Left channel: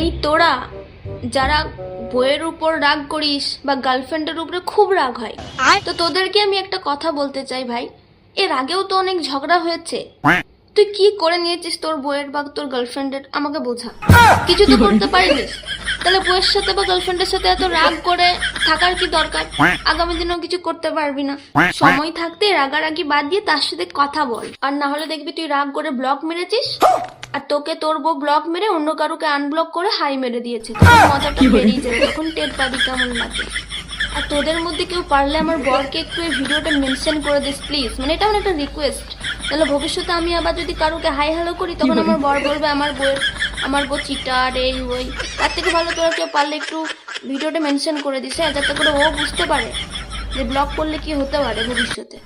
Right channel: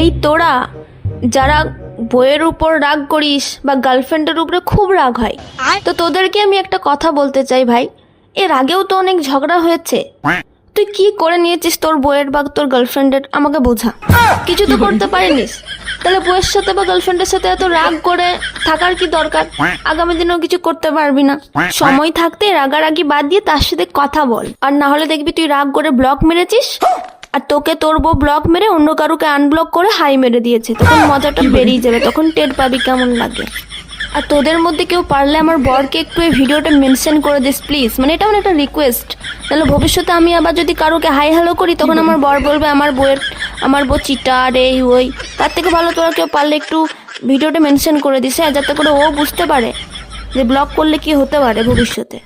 এই তোরা যারা বইয়ের উপর রাগ করিস বা গার্লফ্রেন্ডের উপরে খুব রাগ হয়, তো তোদেরকে আমি একটা কথা বলতে চাই ভাই, এর আগেও তো অনেক ঝগড়া হয়েছে। তুই কি করে নিয়েছিস তোর বইয়ের বা তোর গার্লফ্রেন্ডের, আমাকে বোঝা। কিছু তো করতে পারিনিস, তাহলে বইয়ের সাথে বা গার্লফ্রেন্ডের সাথে এত রাগ করে থাকার কি দরকার? আগামী দিনেও কিছু করতে পারবি না। সময় থাকতে রাগারাগি বাদ দিয়ে তার সাথে কথা বল, আর না হলে দেখবি তুই রাগ করে ব্লক মেরেছিস, আর তোকে তোর বউ ব্লক মেরে অন্য কারুকে আনব্লক করে হাই মেরে দিয়েছে। তখন মজাটা বেরিয়ে যাবে, তখন টের পাবি কেমন লাগে। আর তোদের মধ্যে কেউ পারলে আমার বরকে একটু এই ভিডিওটা মেনশন করে দিস প্লিজ, মানে এটা আমার একটা রিকোয়েস্ট। তাহলে ভবিষ্যতে আমি আবার যদি কারোকে হাই হ্যালো করি, তখন আমার বর বলবে আমার বউ চিটার এই ওই। তার থেকে ভালো তোরা কেউ পারলে একটু ভিডিওটা মেনশন করে দিস, হ্যাঁ, যাতে করে ও বুঝতে পারে যে ব্লক করলে কি হতে পারে ভবিষ্যতে।